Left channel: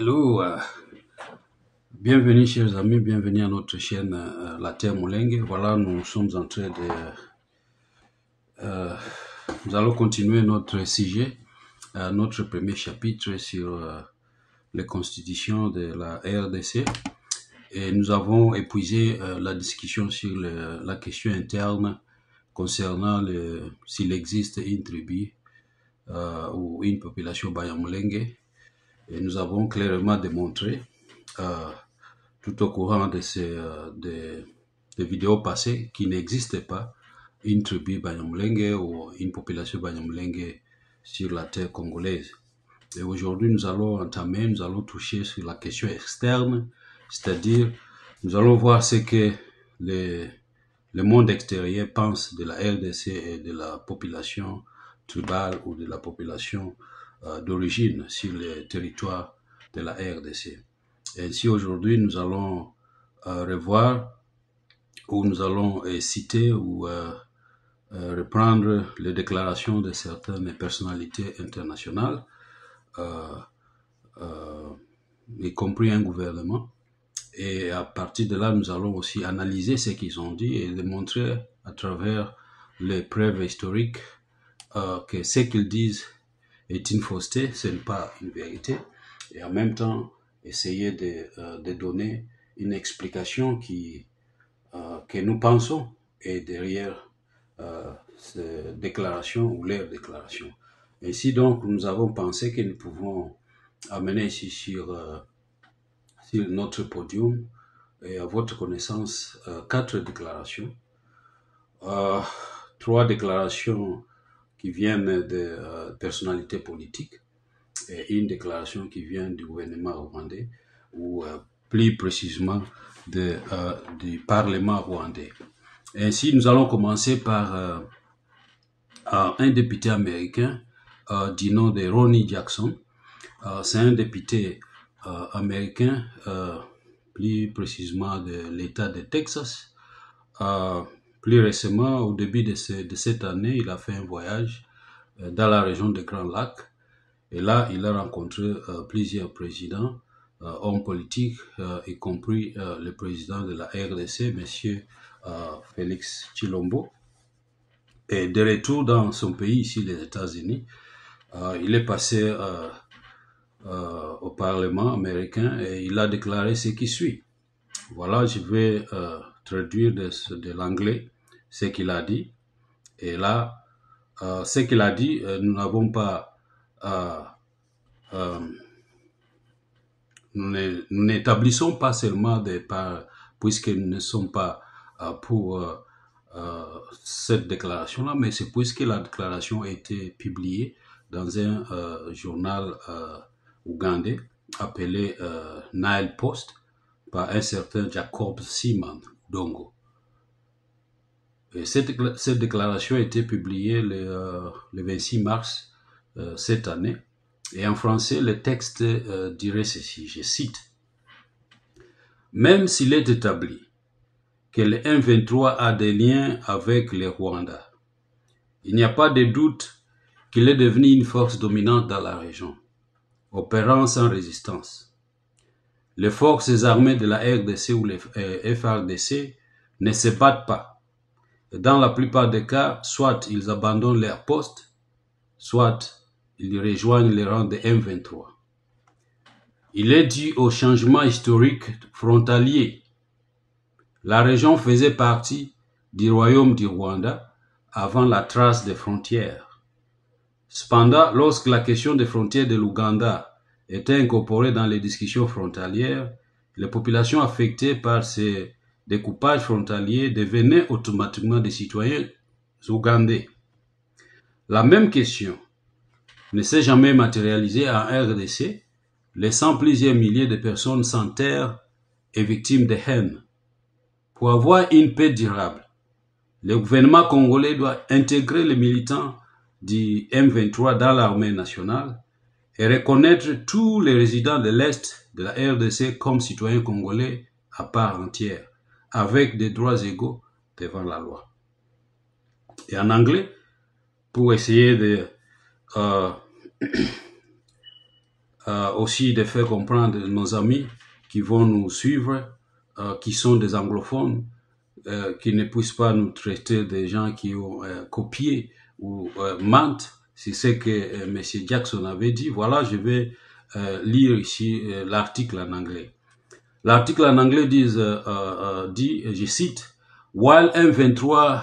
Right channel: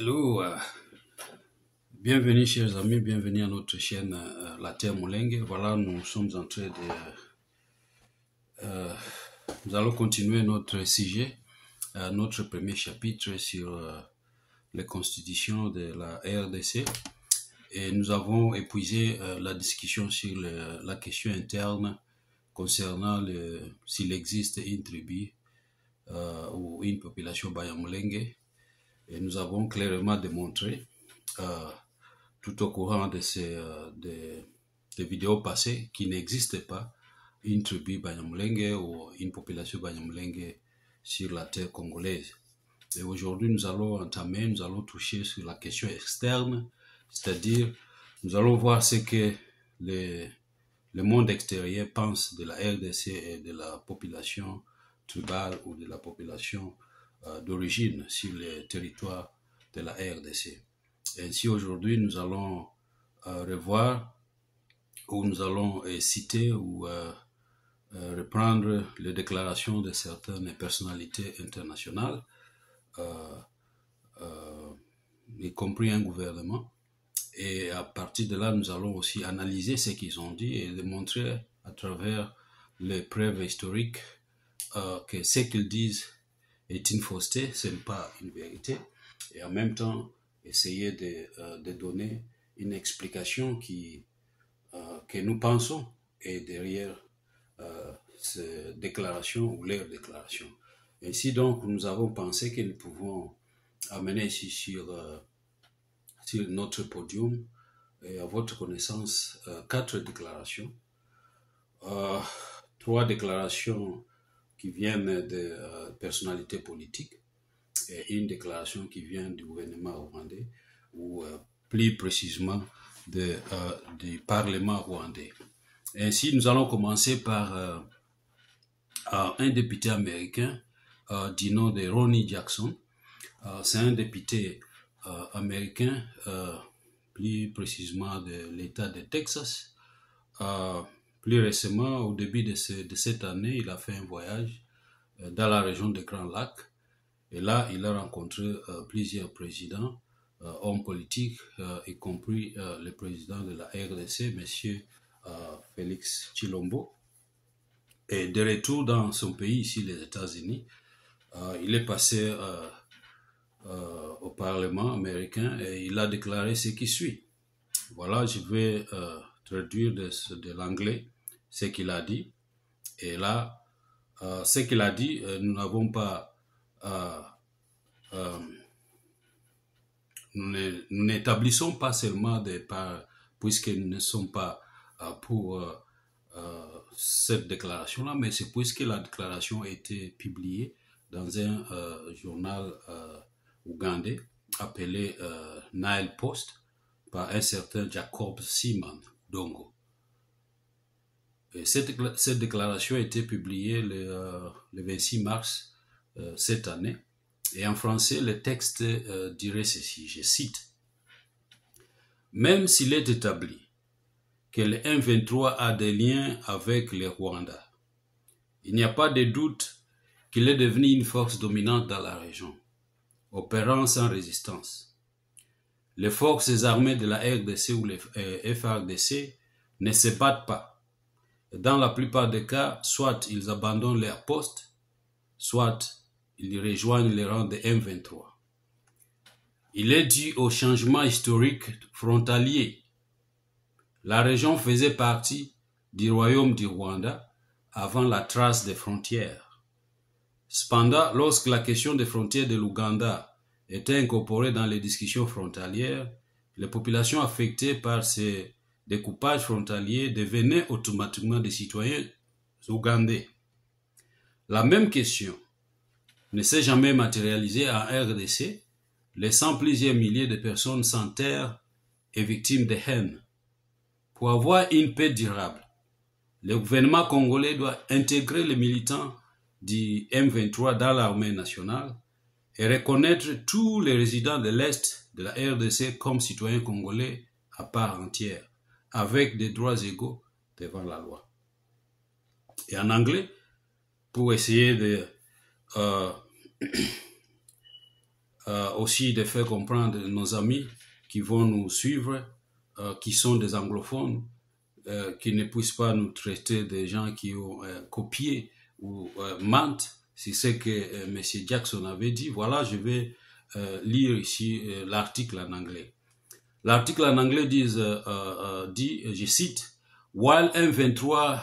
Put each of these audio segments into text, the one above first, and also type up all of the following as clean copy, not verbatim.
Hello, bienvenue chers amis, bienvenue à notre chaîne La Terre Mulenge. Voilà, nous sommes en train de... nous allons continuer notre sujet, notre premier chapitre sur les constitutions de la RDC. Et nous avons épuisé la discussion sur la question interne concernant s'il existe une tribu ou une population Banyamulenge. Et nous avons clairement démontré, tout au courant de des vidéos passées, qu'il n'existe pas une tribu Banyamulenge ou une population Banyamulenge sur la terre congolaise. Et aujourd'hui, nous allons toucher sur la question externe, c'est-à-dire, nous allons voir ce que le monde extérieur pense de la RDC et de la population tribale ou de la population d'origine sur les territoires de la RDC. Et ainsi, aujourd'hui, nous allons revoir ou nous allons citer ou reprendre les déclarations de certaines personnalités internationales, y compris un gouvernement. Et à partir de là, nous allons aussi analyser ce qu'ils ont dit et démontrer à travers les preuves historiques que ce qu'ils disent est une fausseté, ce n'est pas une vérité. Et en même temps, essayer de donner une explication que nous pensons est derrière ces déclarations ou leurs déclarations. Ainsi donc, nous avons pensé que nous pouvons amener ici sur notre podium et à votre connaissance 4 déclarations. 3 déclarations qui viennent de personnalités politiques et une déclaration qui vient du gouvernement rwandais ou plus précisément du Parlement rwandais. Ainsi, nous allons commencer par un député américain du nom de Ronny Jackson. C'est un député américain, plus précisément de l'État de Texas. Plus récemment, au début de cette année, il a fait un voyage dans la région des Grands Lacs. Et là, il a rencontré plusieurs présidents, hommes politiques, y compris le président de la RDC, M. Félix Tshilombo. Et de retour dans son pays, ici, les États-Unis, il est passé au Parlement américain et il a déclaré ce qui suit. Voilà, je vais traduire de l'anglais ce qu'il a dit. Et là, ce qu'il a dit, nous n'avons pas... nous n'établissons pas seulement puisque nous ne sommes pas pour cette déclaration-là, mais c'est puisque la déclaration a été publiée dans un journal ougandais appelé Nile Post par un certain Jacob Seaman Dongo. Et cette déclaration a été publiée le 26 mars cette année. Et en français, le texte dirait ceci, je cite. « Même s'il est établi que le M23 a des liens avec le Rwanda, il n'y a pas de doute qu'il est devenu une force dominante dans la région, opérant sans résistance. Les forces armées de la RDC ou les FARDC ne se battent pas. Dans la plupart des cas, soit ils abandonnent leur poste, soit ils rejoignent les rangs de M23. Il est dû au changement historique frontalier. La région faisait partie du royaume du Rwanda avant la trace des frontières. Cependant, lorsque la question des frontières de l'Ouganda était incorporée dans les discussions frontalières, les populations affectées par ces découpages frontaliers devenaient automatiquement des citoyens ougandais. La même question ne s'est jamais matérialisée en RDC, laissant plusieurs milliers de personnes sans terre et victimes de haine. Pour avoir une paix durable, le gouvernement congolais doit intégrer les militants du M23 dans l'armée nationale et reconnaître tous les résidents de l'Est de la RDC comme citoyens congolais à part entière, avec des droits égaux devant la loi. Et en anglais, pour essayer de aussi de faire comprendre nos amis qui vont nous suivre, qui sont des anglophones, qui ne puissent pas nous traiter des gens qui ont copié ou mentent. C'est ce que M. Jackson avait dit. Voilà, je vais lire ici l'article en anglais. L'article en anglais dit, je cite, while M23,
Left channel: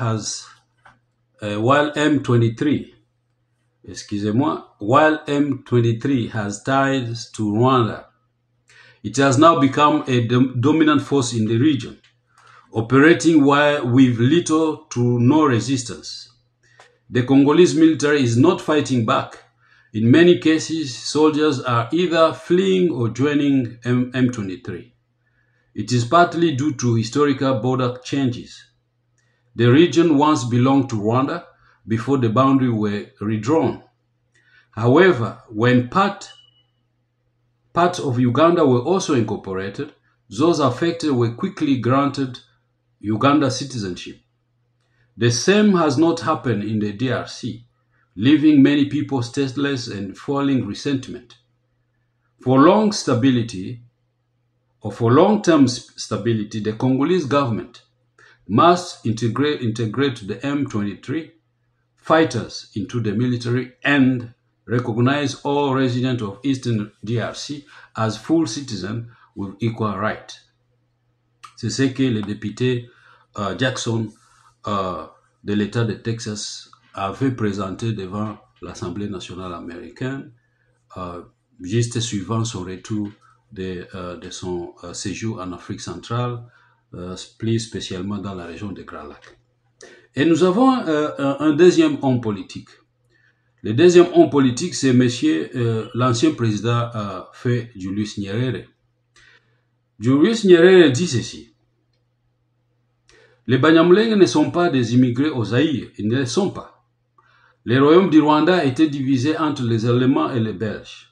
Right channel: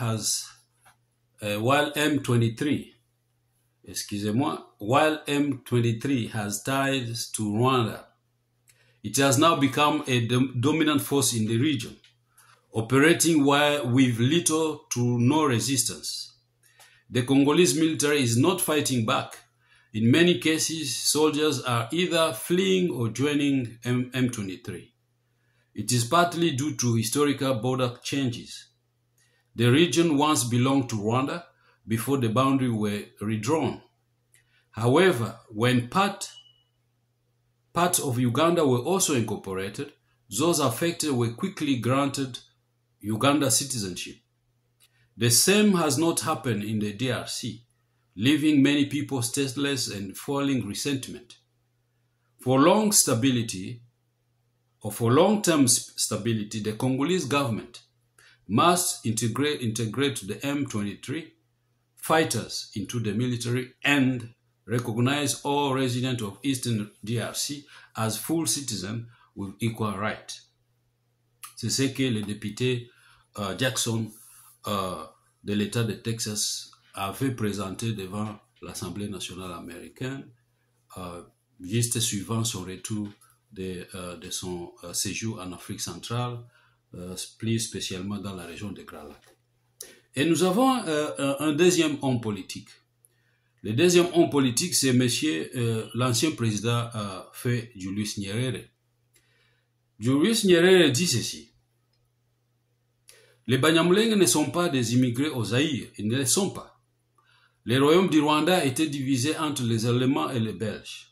excusez-moi, while M23 has ties to Rwanda, it has now become a dominant force in the region, operating with little to no resistance. The Congolese military is not fighting back. In many cases, soldiers are either fleeing or joining M23. It is partly due to historical border changes. The region once belonged to Rwanda before the boundaries were redrawn. However, when parts of Uganda were also incorporated, those affected were quickly granted Uganda citizenship. The same has not happened in the DRC, leaving many people stateless and fueling resentment. For long-term stability, the Congolese government must integrate the M23 fighters into the military and recognize all residents of Eastern DRC as full citizens with equal rights. C'est ce que le député Jackson de l'État de Texas avait présenté devant l'Assemblée nationale américaine, juste suivant son retour de son séjour en Afrique centrale, plus spécialement dans la région de Grand Lac. Et nous avons un deuxième homme politique. Le deuxième homme politique, c'est l'ancien président fait Julius Nyerere. Julius Nyerere dit ceci. Les Banyamulenge ne sont pas des immigrés au Zaïre, ils ne le sont pas. Le royaume du Rwanda était divisé entre les Allemands et les Belges.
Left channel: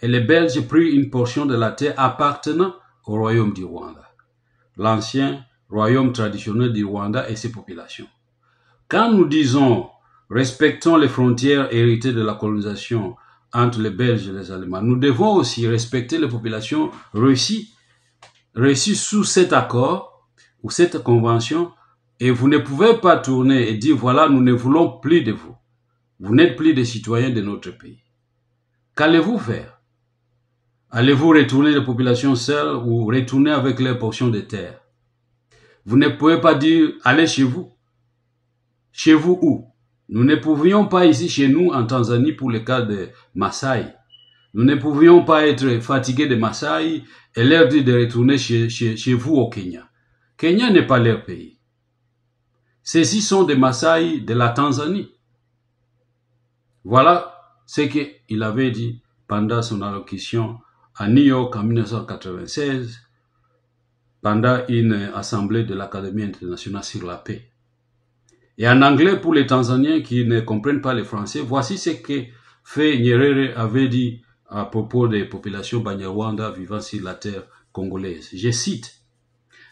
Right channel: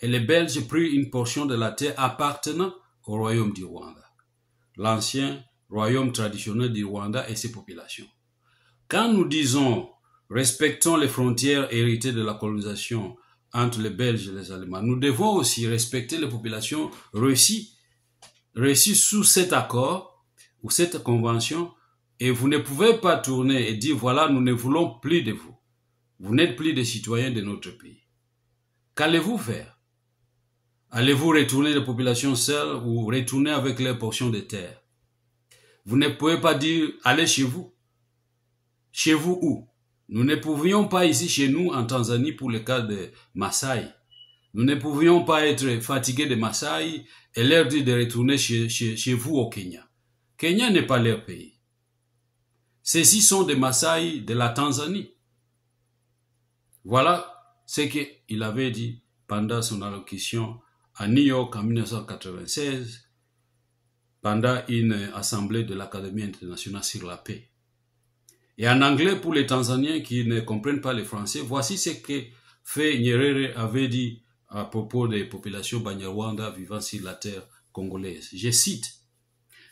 Et les Belges prirent une portion de la terre appartenant au royaume du Rwanda, l'ancien royaume traditionnel du Rwanda et ses populations. Quand nous disons respectons les frontières héritées de la colonisation entre les Belges et les Allemands, nous devons aussi respecter les populations réussies sous cet accord ou cette convention, et vous ne pouvez pas tourner et dire voilà, nous ne voulons plus de vous. Vous n'êtes plus des citoyens de notre pays. Qu'allez-vous faire? Allez-vous retourner les populations seules ou retourner avec leur portion de terre? Vous ne pouvez pas dire allez chez vous. Chez vous où? Nous ne pouvions pas ici chez nous en Tanzanie pour le cas de Maasai. Nous ne pouvions pas être fatigués de Maasai et leur dire de retourner chez vous au Kenya. Kenya n'est pas leur pays. Ceux-ci sont des Maasai de la Tanzanie. Voilà ce qu'il avait dit pendant son allocution à New York en 1996, pendant une assemblée de l'Académie internationale sur la paix. Et en anglais, pour les Tanzaniens qui ne comprennent pas le français, voici ce que Fait Nyerere avait dit à propos des populations Banyarwanda vivant sur la terre congolaise. Je cite,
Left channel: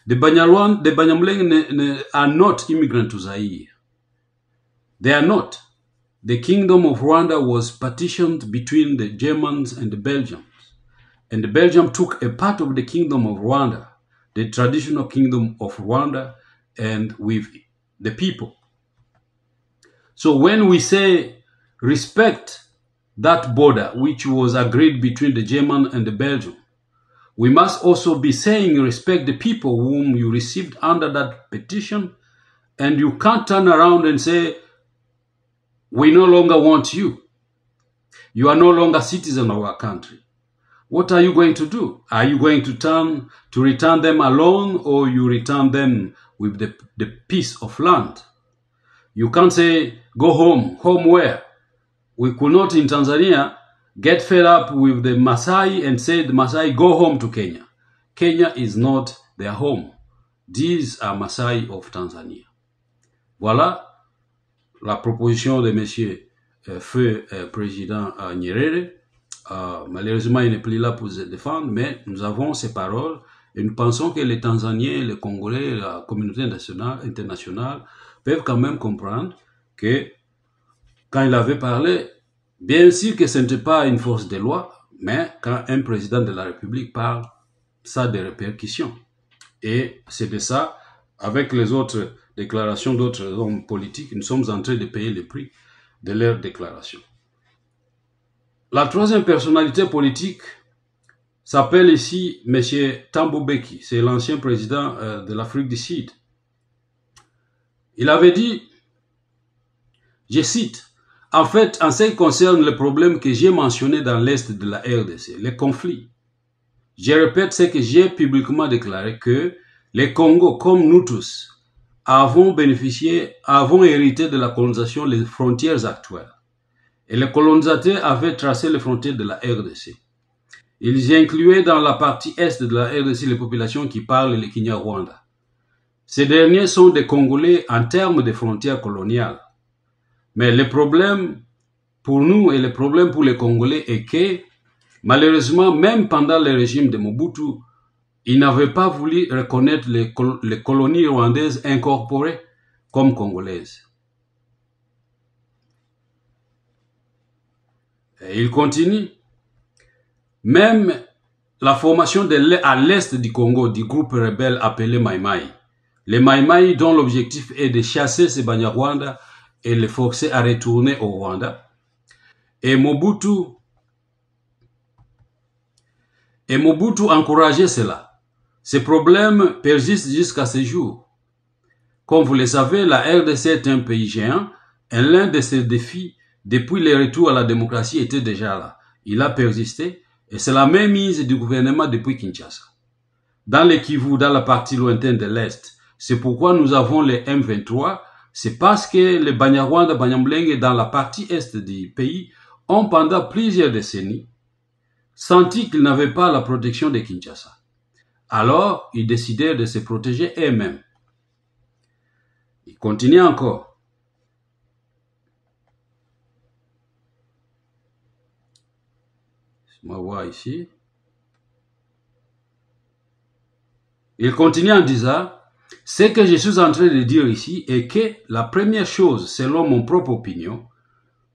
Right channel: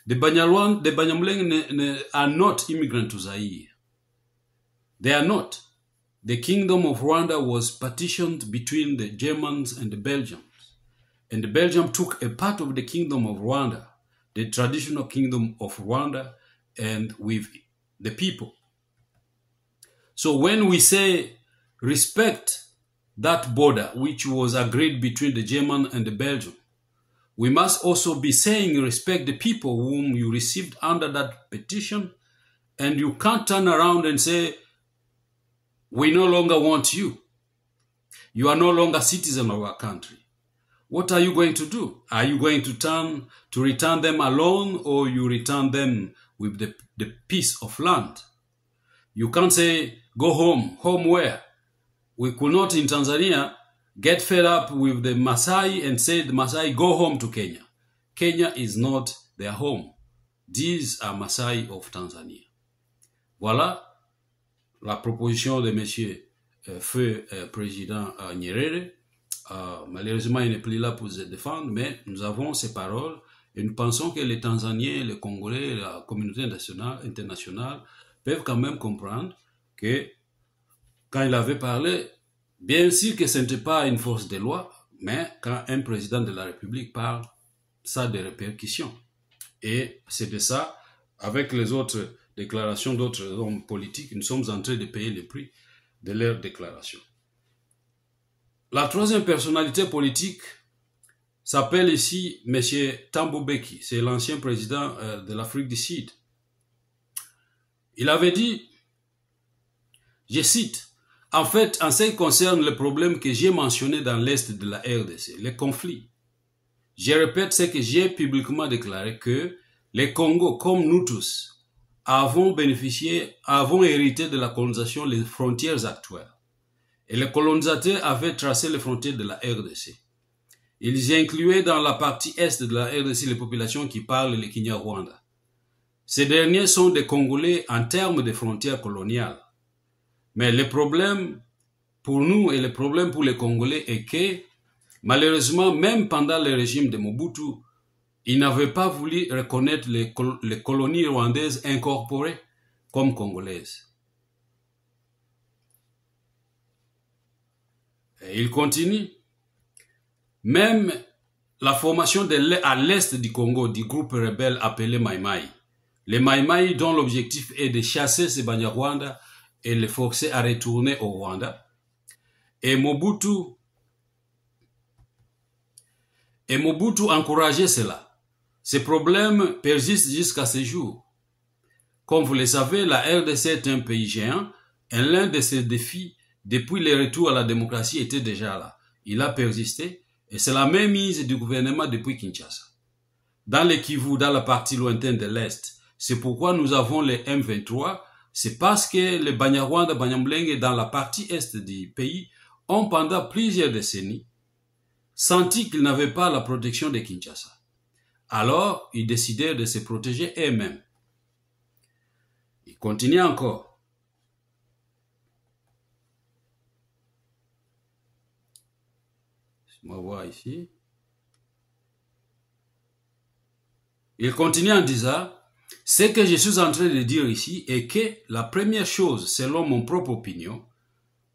The Banyamulenge are not immigrants to Zaire. They are not. The kingdom of Rwanda was partitioned between the Germans and the Belgians. And the Belgium took a part of the kingdom of Rwanda, the traditional kingdom of Rwanda, and with the people. So when we say respect that border which was agreed between the German and the Belgium, we must also be saying respect the people whom you received under that petition, and you can't turn around and say, we no longer want you. You are no longer citizen of our country. What are you going to do? Are you going to return them alone, or you return them with the piece of land? You can't say, go home. Home where? We could not in Tanzania get fed up with the Maasai and say the Maasai go home to Kenya. Kenya is not their home. These are Maasai of Tanzania. Voilà la proposition de monsieur feu président Nyerere. Malheureusement, il n'est plus là pour se défendre, mais nous avons ces paroles et nous pensons que les Tanzaniens, les Congolais, la communauté internationale peuvent quand même comprendre que quand il avait parlé, bien sûr que ce n'était pas une force de loi, Mais quand un président de la République parle, ça a des répercussions. Et c'est de ça, avec les autres déclarations d'autres hommes politiques, nous sommes en train de payer le prix de leurs déclarations. La troisième personnalité politique s'appelle ici M. Thabo Mbeki. C'est l'ancien président de l'Afrique du Sud. Il avait dit, je cite, « En fait, en ce qui concerne les problèmes que j'ai mentionnés dans l'Est de la RDC, les conflits, je répète ce que j'ai publiquement déclaré que les Congos, comme nous tous, avons hérité de la colonisation les frontières actuelles. Et les colonisateurs avaient tracé les frontières de la RDC. Ils incluaient dans la partie est de la RDC les populations qui parlent le Kinyarwanda. Ces derniers sont des Congolais en termes de frontières coloniales. Mais le problème pour nous et le problème pour les Congolais est que, malheureusement, même pendant le régime de Mobutu, ils n'avaient pas voulu reconnaître les colonies rwandaises incorporées comme congolaises. Et il continue. Même la formation à l'est du Congo du groupe rebelle appelé Mai Mai. Les Mai Mai dont l'objectif est de chasser ces Banyarwanda et les forcer à retourner au Rwanda. Et Mobutu encourageait cela. Ces problèmes persistent jusqu'à ce jour. Comme vous le savez, la RDC est un pays géant et l'un de ses défis depuis le retour à la démocratie était déjà là. Il a persisté et c'est la même mise du gouvernement depuis Kinshasa. Dans le Kivu, dans la partie lointaine de l'Est, c'est pourquoi nous avons les M23. C'est parce que les Banyarwanda, Banyamulenge dans la partie Est du pays ont pendant plusieurs décennies senti qu'ils n'avaient pas la protection de Kinshasa. Alors, ils décidèrent de se protéger eux-mêmes. Il continue encore. On va voir ici. Il continue en disant, ce que je suis en train de dire ici est que la première chose, selon mon propre opinion,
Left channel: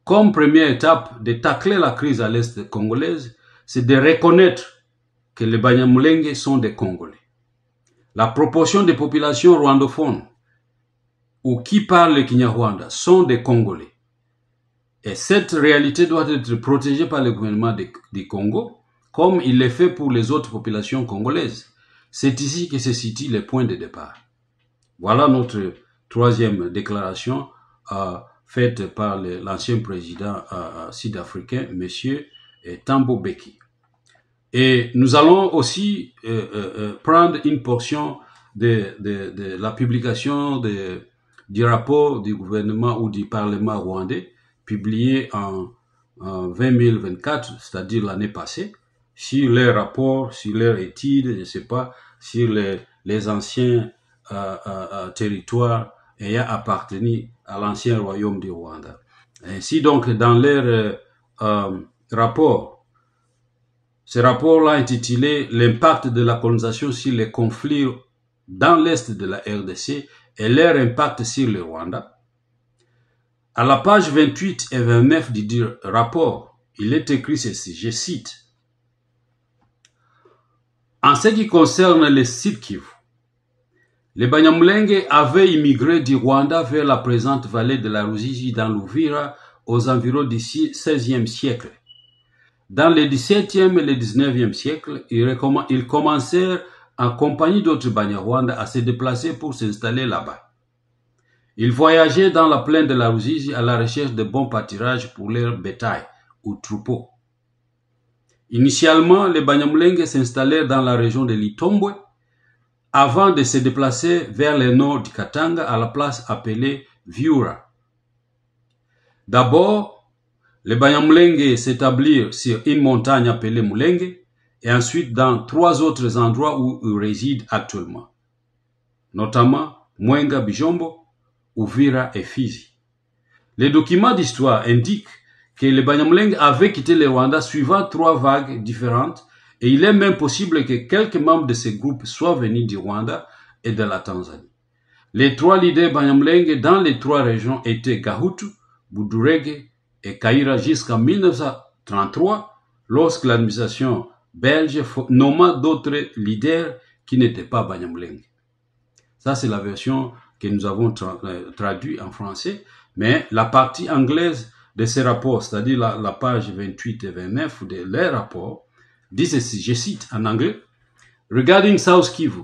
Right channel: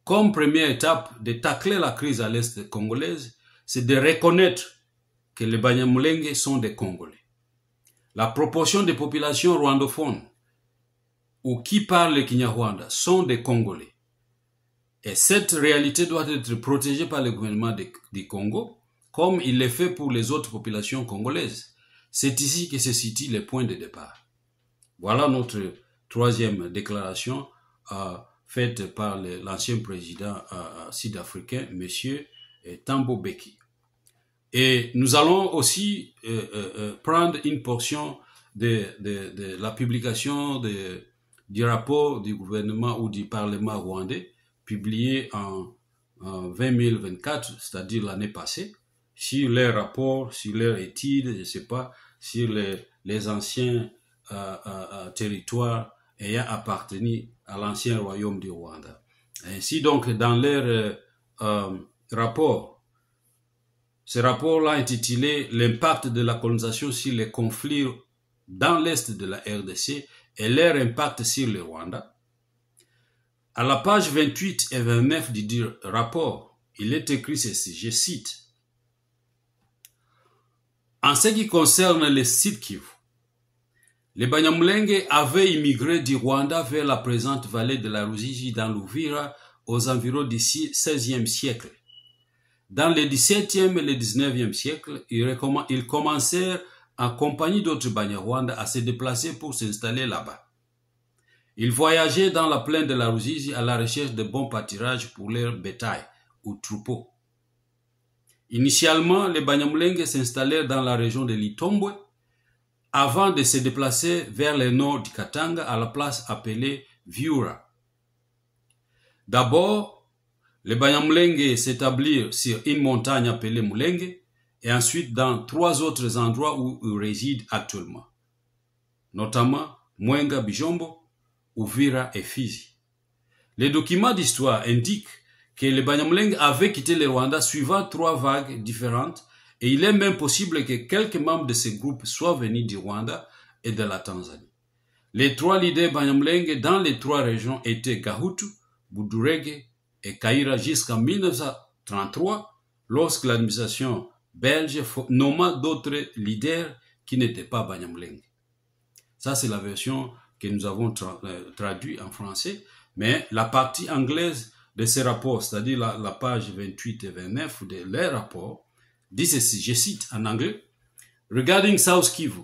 comme première étape de tacler la crise à l'Est congolaise, c'est de reconnaître que les Banyamulenge sont des Congolais. La proportion des populations rwandophones ou qui parlent le Kinyarwanda sont des Congolais. Et cette réalité doit être protégée par le gouvernement du Congo, comme il l'est fait pour les autres populations congolaises. C'est ici que se situe le point de départ. Voilà notre troisième déclaration faite par l'ancien président sud-africain, M. Thabo Mbeki. Et nous allons aussi prendre une portion de la publication du rapport du gouvernement ou du Parlement rwandais, publié en 2024, c'est-à-dire l'année passée, sur les rapports, sur leurs études, je ne sais pas, sur les anciens territoires ayant appartenu à l'ancien royaume du Rwanda. Ainsi donc, dans leur rapport, ce rapport-là intitulé « L'impact de la colonisation sur les conflits dans l'Est de la RDC et leur impact sur le Rwanda », à la page 28 et 29 du rapport, il est écrit ceci, je cite, « En ce qui concerne les Sud Kivu, les Banyamulenge avaient immigré du Rwanda vers la présente vallée de la Ruzizi dans l'Uvira aux environs du XVIe siècle. Dans le XVIIe et le XIXe siècle, ils commencèrent en compagnie d'autres Banyarwanda à se déplacer pour s'installer là-bas. Ils voyageaient dans la plaine de la Ruzizi à la recherche de bons pâturages pour leur bétail ou troupeaux. Initialement, les Banyamulenge s'installèrent dans la région de l'Itombwe avant de se déplacer vers le nord du Katanga à la place appelée Viura. D'abord, les Banyamulenge s'établirent sur une montagne appelée Mulenge et ensuite dans 3 autres endroits où ils résident actuellement, notamment Mwenga Bijombo, Uvira et Fizi. Les documents d'histoire indiquent que les Banyamulenge avaient quitté le Rwanda suivant 3 vagues différentes et il est même possible que quelques membres de ces groupes soient venus du Rwanda et de la Tanzanie. Les 3 leaders Banyamulenge dans les 3 régions étaient Gahutu, Budurege et Kaira jusqu'en 1933, lorsque l'administration belge nomma d'autres leaders qui n'étaient pas Banyamulenge. Ça, c'est la version que nous avons traduite en français, mais la partie anglaise de ces rapports, c'est-à-dire la page 28 et 29 de leur rapport, dit ceci, je cite en anglais, regarding South Kivu,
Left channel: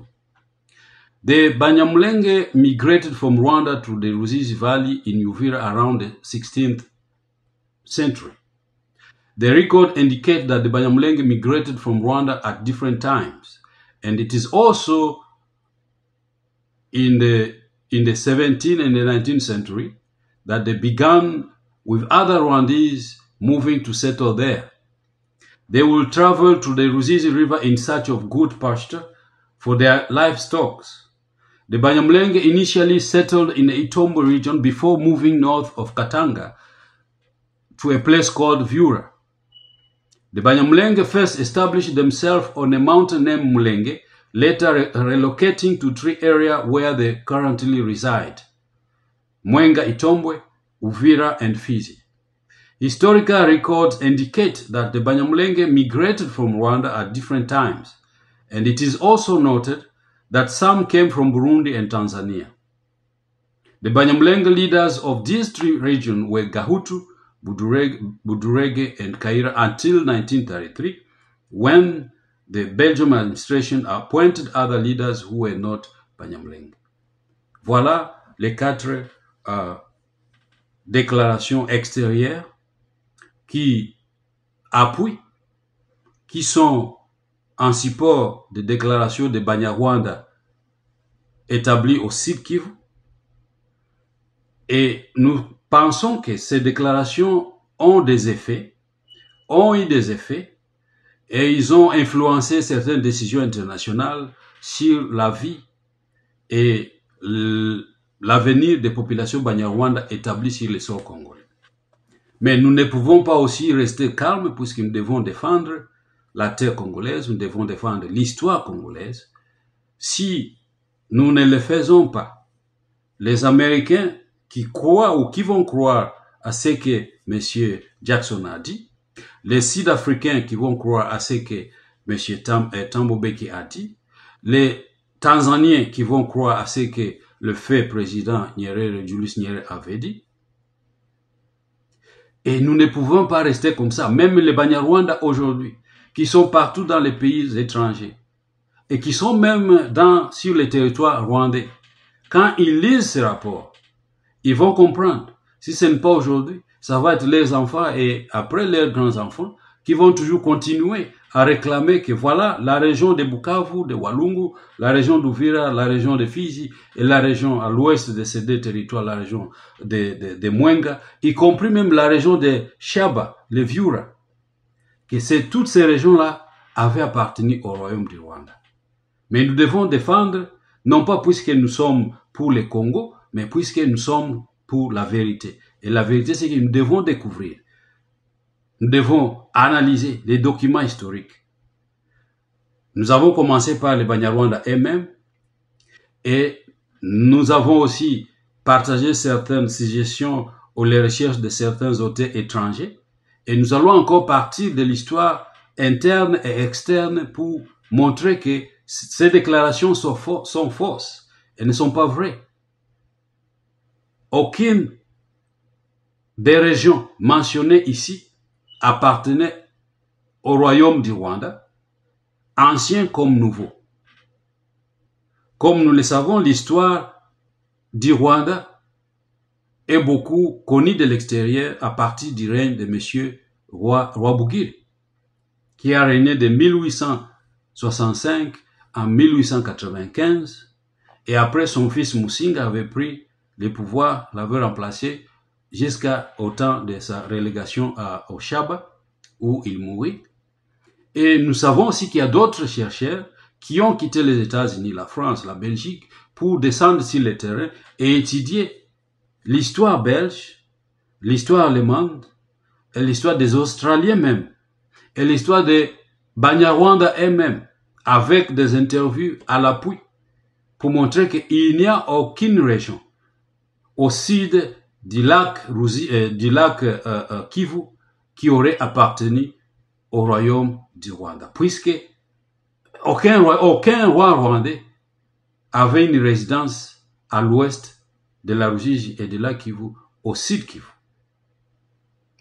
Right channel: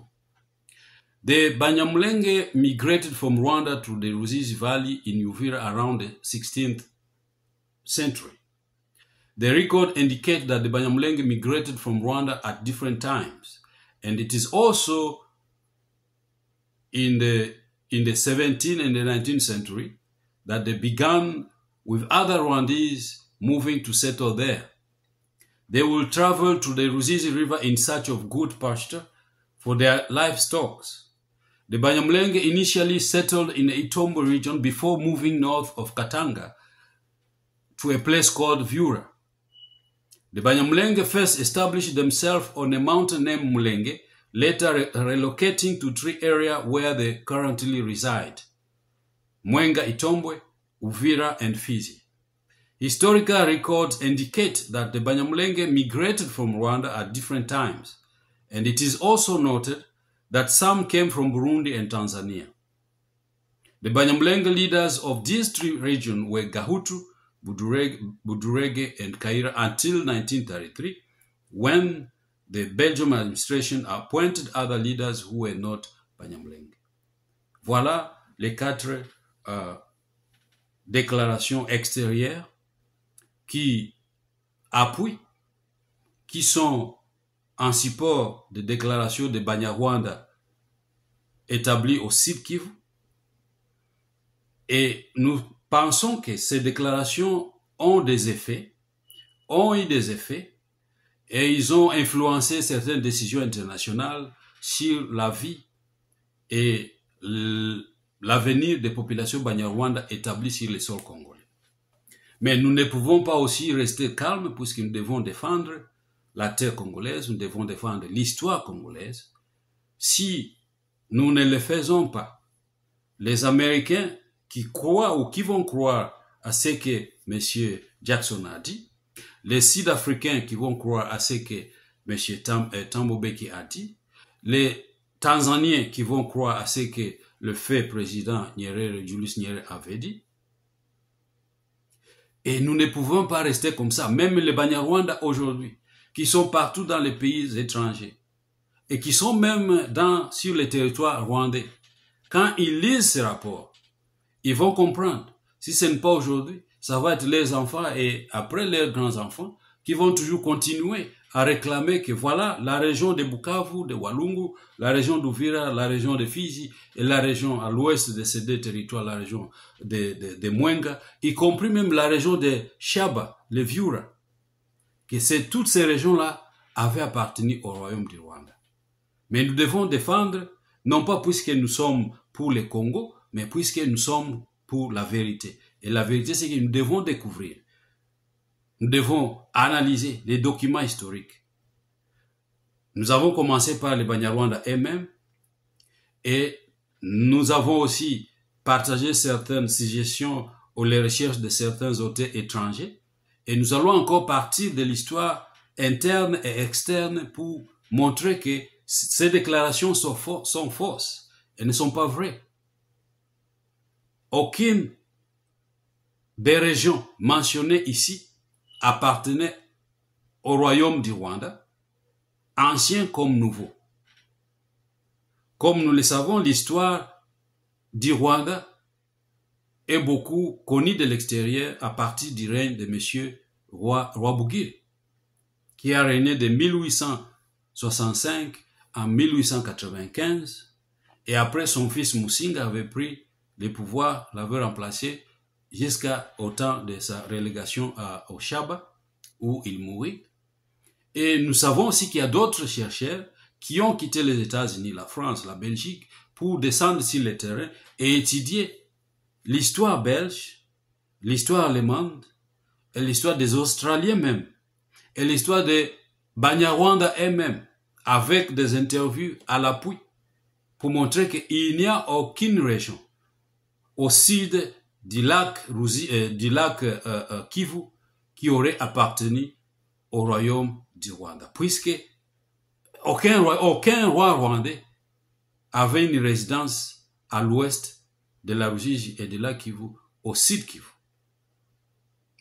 the Banyamulenge migrated from Rwanda to the Ruzizi Valley in Uvira around the 16th century. The record indicates that the Banyamulenge migrated from Rwanda at different times, and it is also in the 17th and the 19th century that they began with other Rwandese moving to settle there. They will travel to the Ruzizi River in search of good pasture for their livestock. The Banyamulenge initially settled in the Itombo region before moving north of Katanga to a place called Vura. The Banyamulenge first established themselves on a mountain named Mulenge, later relocating to three areas where they currently reside: Mwenga, Itombwe, Uvira, and Fizi. Historical records indicate that the Banyamulenge migrated from Rwanda at different times, and it is also noted that some came from Burundi and Tanzania. The Banyamulenge leaders of these three regions were Gahutu, Budurege, and Kaira until 1933, when the Belgian administration appointed other leaders who were not Banyamulenge. Voilà les quatre déclarations extérieures qui appuient, qui sont en support des déclarations de Banyarwanda établies au Sud Kivu. Et nous pensons que ces déclarations ont eu des effets, et ils ont influencé certaines décisions internationales sur la vie et l'avenir des populations Banyarwanda établies sur le sol congolais. Mais nous ne pouvons pas aussi rester calmes puisque nous devons défendre la terre congolaise, nous devons défendre l'histoire congolaise. Si nous ne le faisons pas, les Américains qui croient ou qui vont croire à ce que M. Jackson a dit, les Sud-Africains qui vont croire à ce que M. Thabo Mbeki a dit, les Tanzaniens qui vont croire à ce que le fait président Julius Nyerere avait dit. Et nous ne pouvons pas rester comme ça. Même les Banyarwanda aujourd'hui, qui sont partout dans les pays étrangers, et qui sont même sur les territoires rwandais, quand ils lisent ces rapports, ils vont comprendre. Si ce n'est pas aujourd'hui, ça va être les enfants et après leurs grands-enfants qui vont toujours continuer à réclamer que voilà la région de Bukavu, de Walungu, la région d'Uvira, la région de Fizi et la région à l'ouest de ces deux territoires, la région de Mwenga, y compris même la région de Shaba, le Viura, que toutes ces régions-là avaient appartenu au royaume du Rwanda. Mais nous devons défendre, non pas puisque nous sommes pour le Congo, mais puisque nous sommes pour la vérité. Et la vérité, c'est que nous devons découvrir. Nous devons analyser les documents historiques. Nous avons commencé par les Banyarwanda eux-mêmes et nous avons aussi partagé certaines suggestions ou les recherches de certains auteurs étrangers et nous allons encore partir de l'histoire interne et externe pour montrer que ces déclarations sont fausses et ne sont pas vraies. Aucune des régions mentionnées ici appartenait au royaume du Rwanda, ancien comme nouveau. Comme nous le savons, l'histoire du Rwanda est beaucoup connue de l'extérieur à partir du règne de M. Rwabugiri, qui a régné de 1865 à 1895, et après son fils Musinga avait pris le pouvoir, l'avait remplacé jusqu'au temps de sa relégation au Shaba, où il mourut. Et nous savons aussi qu'il y a d'autres chercheurs qui ont quitté les États-Unis, la France, la Belgique, pour descendre sur le terrain et étudier l'histoire belge, l'histoire allemande, et l'histoire des Australiens même, et l'histoire des Banyarwanda eux-mêmes, avec des interviews à l'appui, pour montrer qu'il n'y a aucune région au sud du lac Kivu qui aurait appartenu au royaume du Rwanda, puisque aucun roi rwandais avait une résidence à l'ouest de la Ruzizi et de la Kivu, au sud Kivu.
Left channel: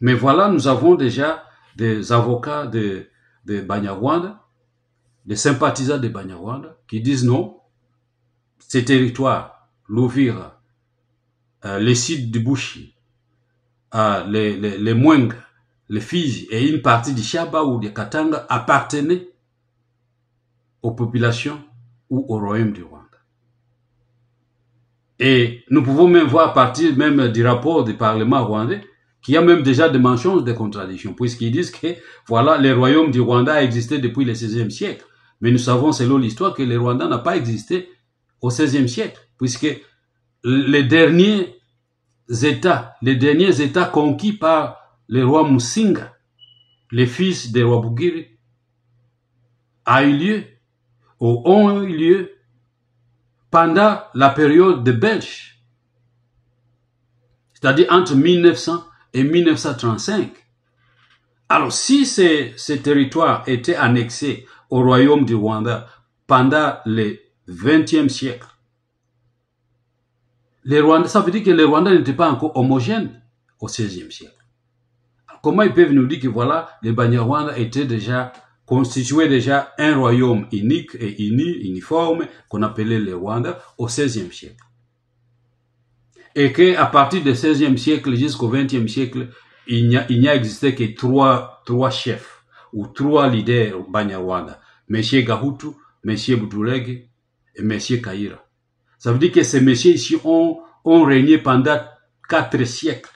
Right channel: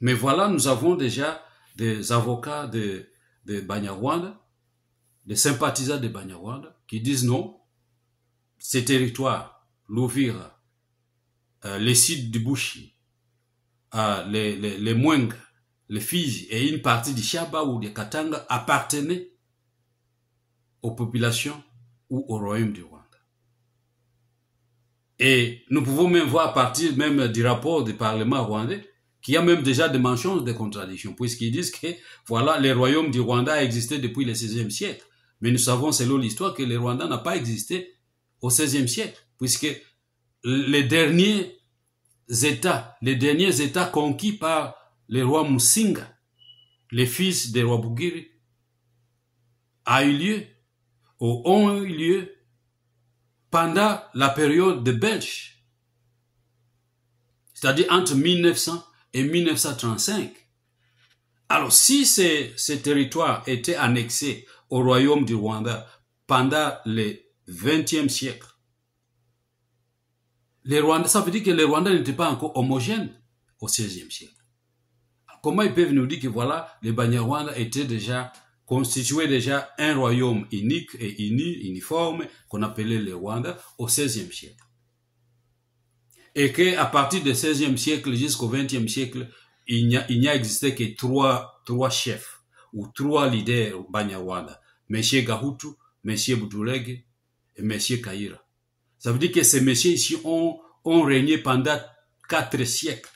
Mais voilà, nous avons déjà des avocats de Banyarwanda, des sympathisants de Banyarwanda, qui disent non, ces territoires, l'Uvira, les sites du Bushi, les Mwenga, les Fizi et une partie du Shaba ou du Katanga appartenaient aux populations ou au royaume du Rwanda. Et nous pouvons même voir à partir même du rapport du Parlement rwandais qu'il y a même déjà des mentions de contradictions, puisqu'ils disent que voilà, le royaume du Rwanda a existé depuis le XVIe siècle. Mais nous savons selon l'histoire que le Rwanda n'a pas existé au XVIe siècle, puisque les derniers États conquis par le roi Musinga, les fils des rois Bugiri, ont eu lieu pendant la période des Belges, c'est-à-dire entre 1900 et 1935. Alors, si ces territoires étaient annexés au royaume du Rwanda pendant le XXe siècle, ça veut dire que les Rwandais n'étaient pas encore homogènes au XVIe siècle. Alors, comment ils peuvent nous dire que voilà, les Banyarwanda étaient déjà constituaient déjà un royaume unique et uniforme qu'on appelait le Rwanda au XVIe siècle. Et qu'à partir du XVIe siècle jusqu'au XXe siècle, il n'y a existé que trois chefs ou trois leaders Banyarwanda. M. Gahutu, M. Budurege et M. Kaira. Ça veut dire que ces messieurs ici ont régné pendant 4 siècles.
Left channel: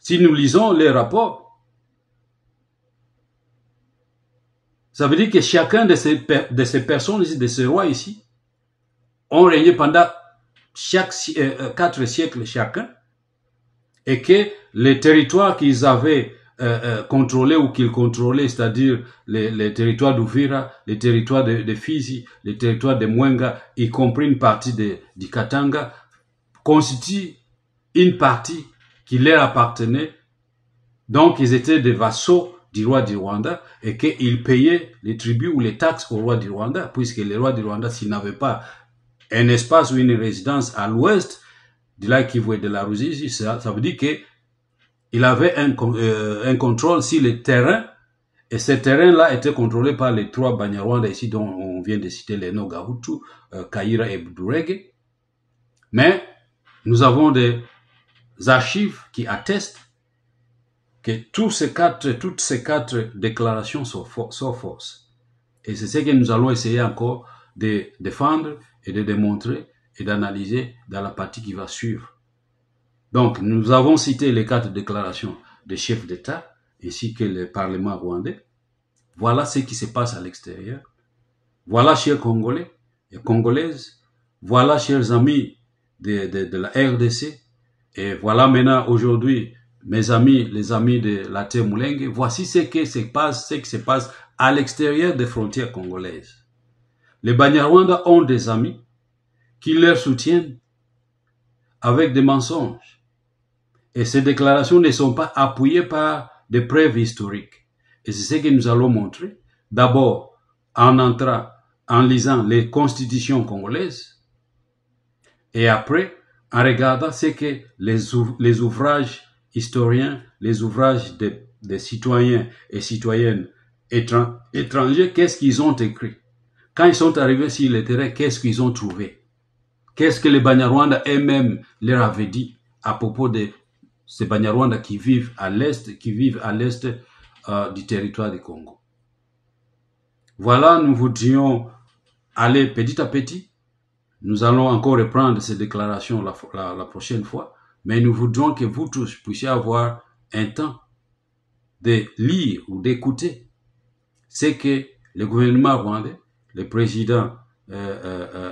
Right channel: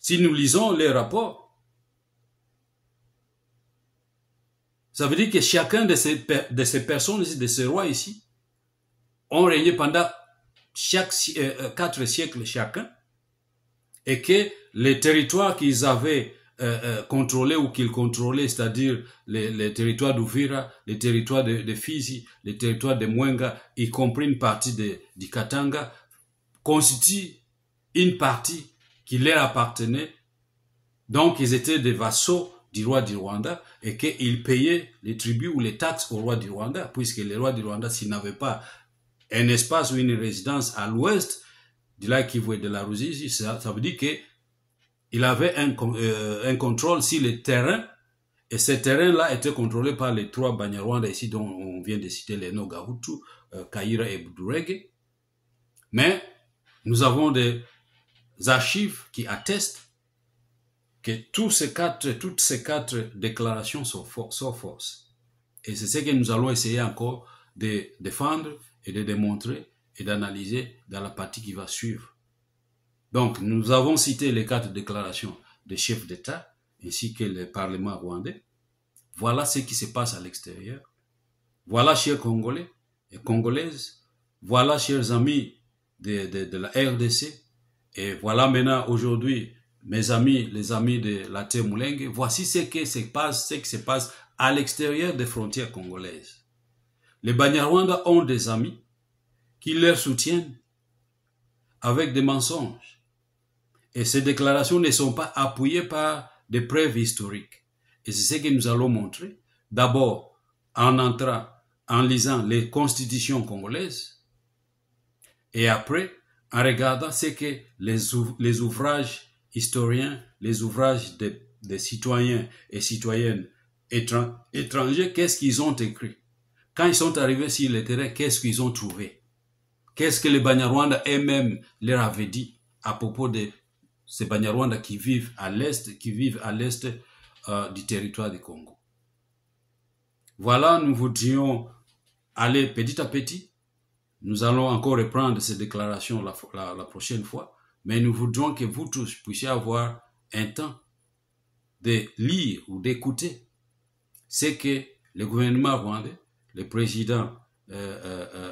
Si nous lisons les rapports, ça veut dire que chacun de ces personnes ici, de ces rois ici, ont régné pendant 4 siècles chacun, et que les territoires qu'ils avaient contrôlés ou qu'ils contrôlaient, c'est-à-dire les territoires d'Uvira, les territoires de Fizi, les territoires de Mwenga, y compris une partie du Katanga, constituent une partie qui leur appartenait. Donc ils étaient des vassaux du roi du Rwanda et qu'ils payaient les tributs ou les taxes au roi du Rwanda, puisque le roi du Rwanda, s'il n'avait pas un espace ou une résidence à l'ouest du lac Kivu et de la Ruzizi, ça veut dire qu'il avait un contrôle sur les terrains, et ces terrains-là étaient contrôlés par les 3 Banyarwanda ici dont on vient de citer les noms Gahutu, Kaira et Budurege. Mais nous avons des archives qui attestent que toutes ces quatre déclarations sont fausses. Et c'est ce que nous allons essayer encore de défendre et de démontrer et d'analyser dans la partie qui va suivre. Donc, nous avons cité les 4 déclarations des chefs d'État ainsi que le Parlement rwandais. Voilà ce qui se passe à l'extérieur. Voilà, chers Congolais et Congolaises, voilà, chers amis de la RDC, et voilà maintenant aujourd'hui, mes amis, les amis de la terre Mulenge, voici ce qui se passe à l'extérieur des frontières congolaises. Les Banyarwanda ont des amis qui leur soutiennent avec des mensonges. Et ces déclarations ne sont pas appuyées par des preuves historiques. Et c'est ce que nous allons montrer. D'abord, en lisant les constitutions congolaises, et après, en regardant ce que les ouvrages historiens, les ouvrages des citoyens et citoyennes étrangers, qu'est-ce qu'ils ont écrit? Quand ils sont arrivés sur le terrain, qu'est-ce qu'ils ont trouvé? Qu'est-ce que les Banyarwanda eux-mêmes leur avaient dit à propos de ces Banyarwanda qui vivent à l'est, du territoire du Congo? Voilà, nous voudrions aller petit à petit. Nous allons encore reprendre ces déclarations la prochaine fois, mais nous voudrions que vous tous puissiez avoir un temps de lire ou d'écouter ce que le gouvernement rwandais, le président,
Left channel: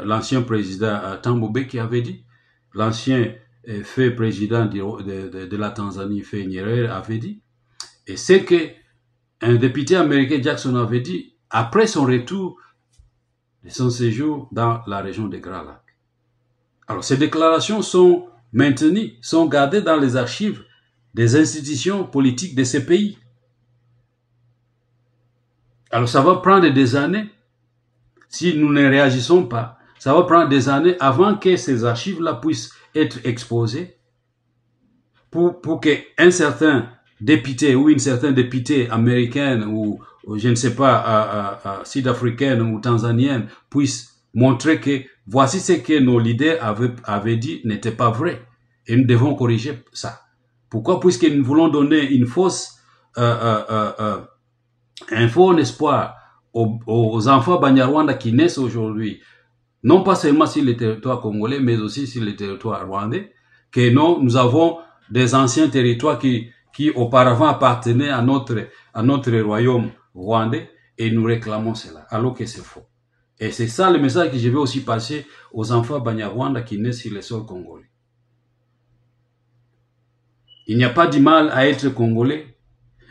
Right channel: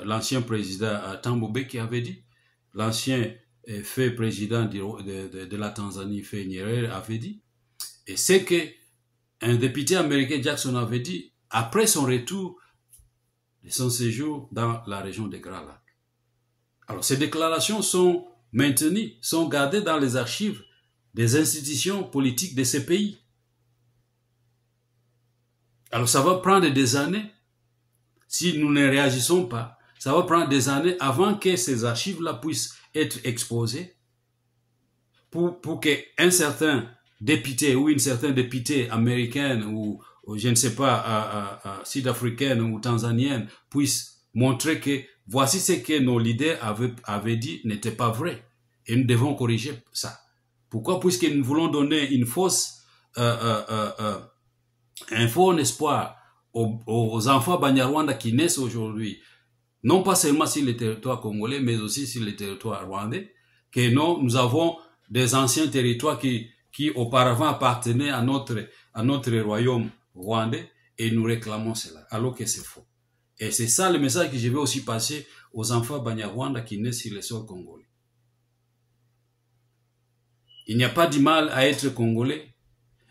l'ancien président Thabo Mbeki avait dit, l'ancien fait président de la Tanzanie, fait Nyerere, avait dit, et c'est que un député américain, Jackson, avait dit après son retour de son séjour dans la région des Grands Lacs. Alors, ces déclarations sont maintenues, sont gardées dans les archives des institutions politiques de ces pays. Alors ça va prendre des années, si nous ne réagissons pas, ça va prendre des années avant que ces archives-là puissent être exposées pour qu'un certain député ou une certaine députée américaine ou je ne sais pas, sud-africaine ou tanzanienne puisse montrer que voici ce que nos leaders avaient dit n'était pas vrai. Et nous devons corriger ça. Pourquoi? Puisque nous voulons donner une fausse, un faux espoir aux enfants Banyarwanda qui naissent aujourd'hui, non pas seulement sur le territoire congolais, mais aussi sur le territoire rwandais, que non, nous avons des anciens territoires qui auparavant appartenaient à notre royaume rwandais, et nous réclamons cela, alors que c'est faux. Et c'est ça le message que je vais aussi passer aux enfants Banyarwanda qui naissent sur le sol congolais. Il n'y a pas du mal à être congolais,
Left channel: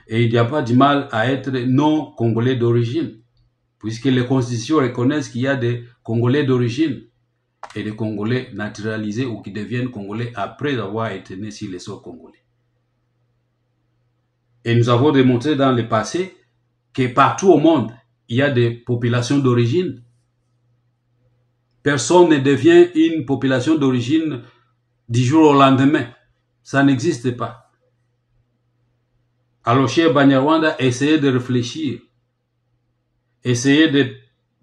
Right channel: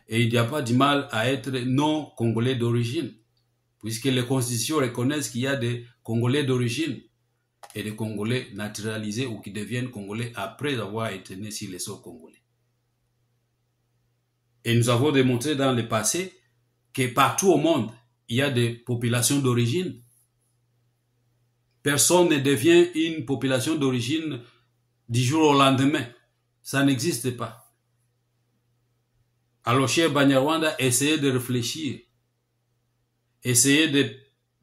et il n'y a pas du mal à être non congolais d'origine, puisque les constitutions reconnaissent qu'il y a des Congolais d'origine et des Congolais naturalisés ou qui deviennent Congolais après avoir été nés sur les sols congolais. Et nous avons démontré dans le passé que partout au monde, il y a des populations d'origine. Personne ne devient une population d'origine du jour au lendemain. Ça n'existe pas. Alors, cher Banyarwanda, essayez de réfléchir. Essayez de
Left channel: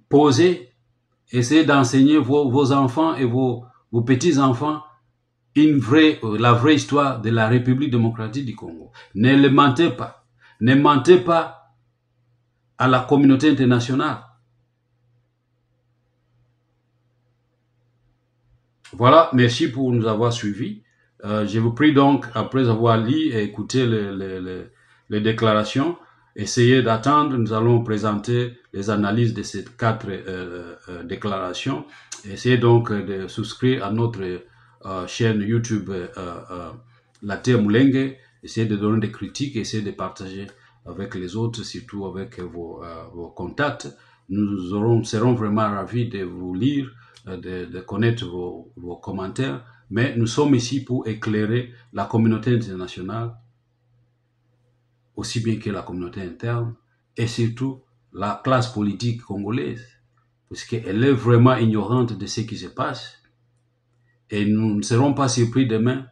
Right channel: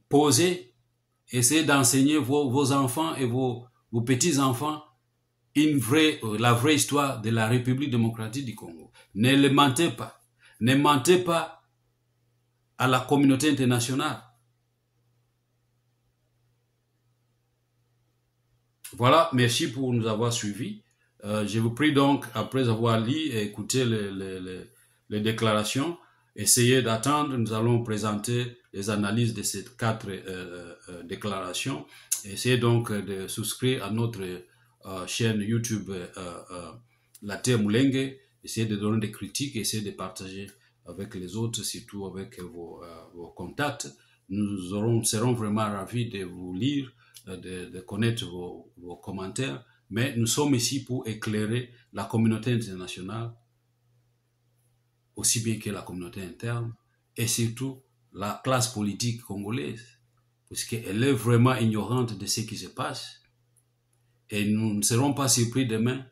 poser, essayez d'enseigner vos enfants et vos petits-enfants la vraie histoire de la République démocratique du Congo. Ne le mentez pas. Ne mentez pas à la communauté internationale. Voilà, merci pour nous avoir suivis. Je vous prie donc, après avoir lu et écouté les déclarations, essayez d'attendre. Nous allons présenter les analyses de ces 4 déclarations. Essayez donc de souscrire à notre chaîne YouTube La Terre Mulenge. Essayez de donner des critiques, essayez de partager avec les autres, surtout avec vos contacts. Nous serons vraiment ravis de vous lire, de connaître vos commentaires, mais nous sommes ici pour éclairer la communauté internationale, aussi bien que la communauté interne, et surtout la classe politique congolaise, puisqu'elle est vraiment ignorante de ce qui se passe. Et nous ne serons pas surpris demain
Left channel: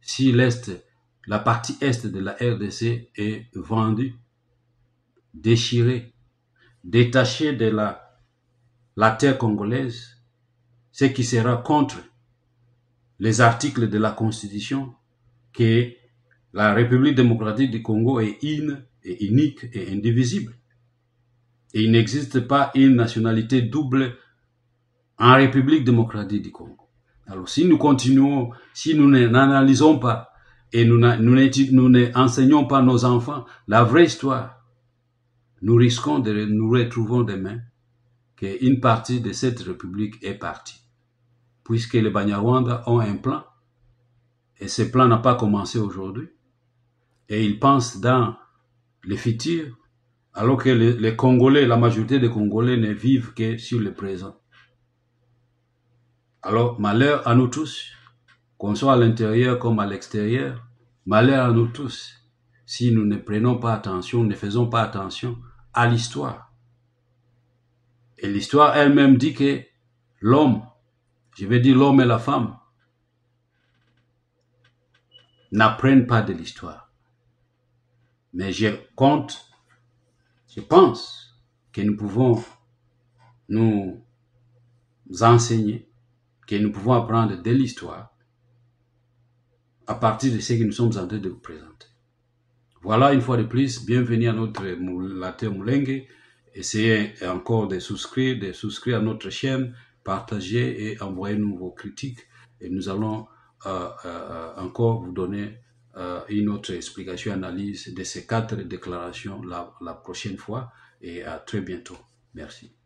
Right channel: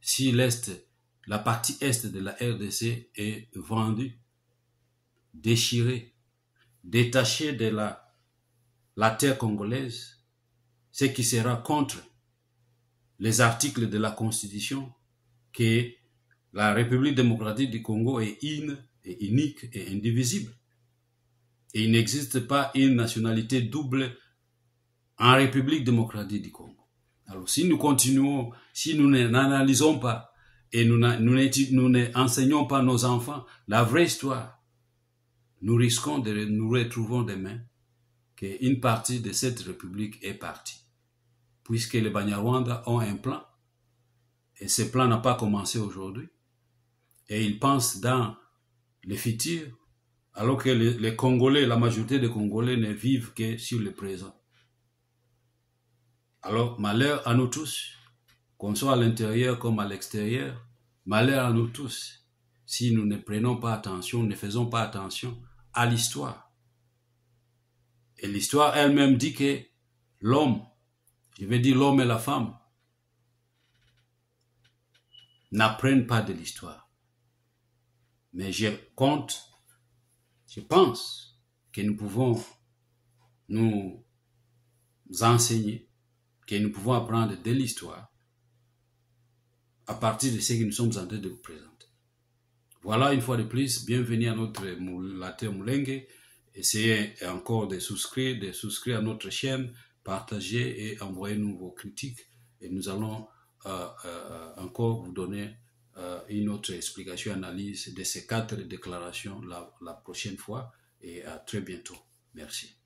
si la partie est de la RDC est vendue, déchirée, détachée de la terre congolaise, ce qui sera contre les articles de la Constitution, que la République démocratique du Congo est une, et unique et indivisible. Et il n'existe pas une nationalité double en République démocratique du Congo. Alors si nous continuons, si nous n'analysons pas et nous n'enseignons pas nos enfants la vraie histoire, nous risquons de nous retrouver demain qu'une partie de cette République est partie. Puisque les Banyarwanda ont un plan, et ce plan n'a pas commencé aujourd'hui, et ils pensent dans le futur, alors que les Congolais, la majorité des Congolais ne vivent que sur le présent. Alors, malheur à nous tous, qu'on soit à l'intérieur comme à l'extérieur, malheur à nous tous, si nous ne prenons pas attention, ne faisons pas attention à l'histoire. Et l'histoire elle-même dit que l'homme, je vais dire l'homme et la femme, n'apprennent pas de l'histoire. Mais je pense que nous pouvons nous enseigner, que nous pouvons apprendre de l'histoire à partir de ce que nous sommes en train de vous présenter. Voilà, une fois de plus, bienvenue à La Terre Mulenge. Essayez encore de souscrire à notre chaîne, partagez et envoyez-nous vos critiques et nous allons encore vous donner une autre explication, analyse de ces 4 déclarations la prochaine fois et à très bientôt. Merci.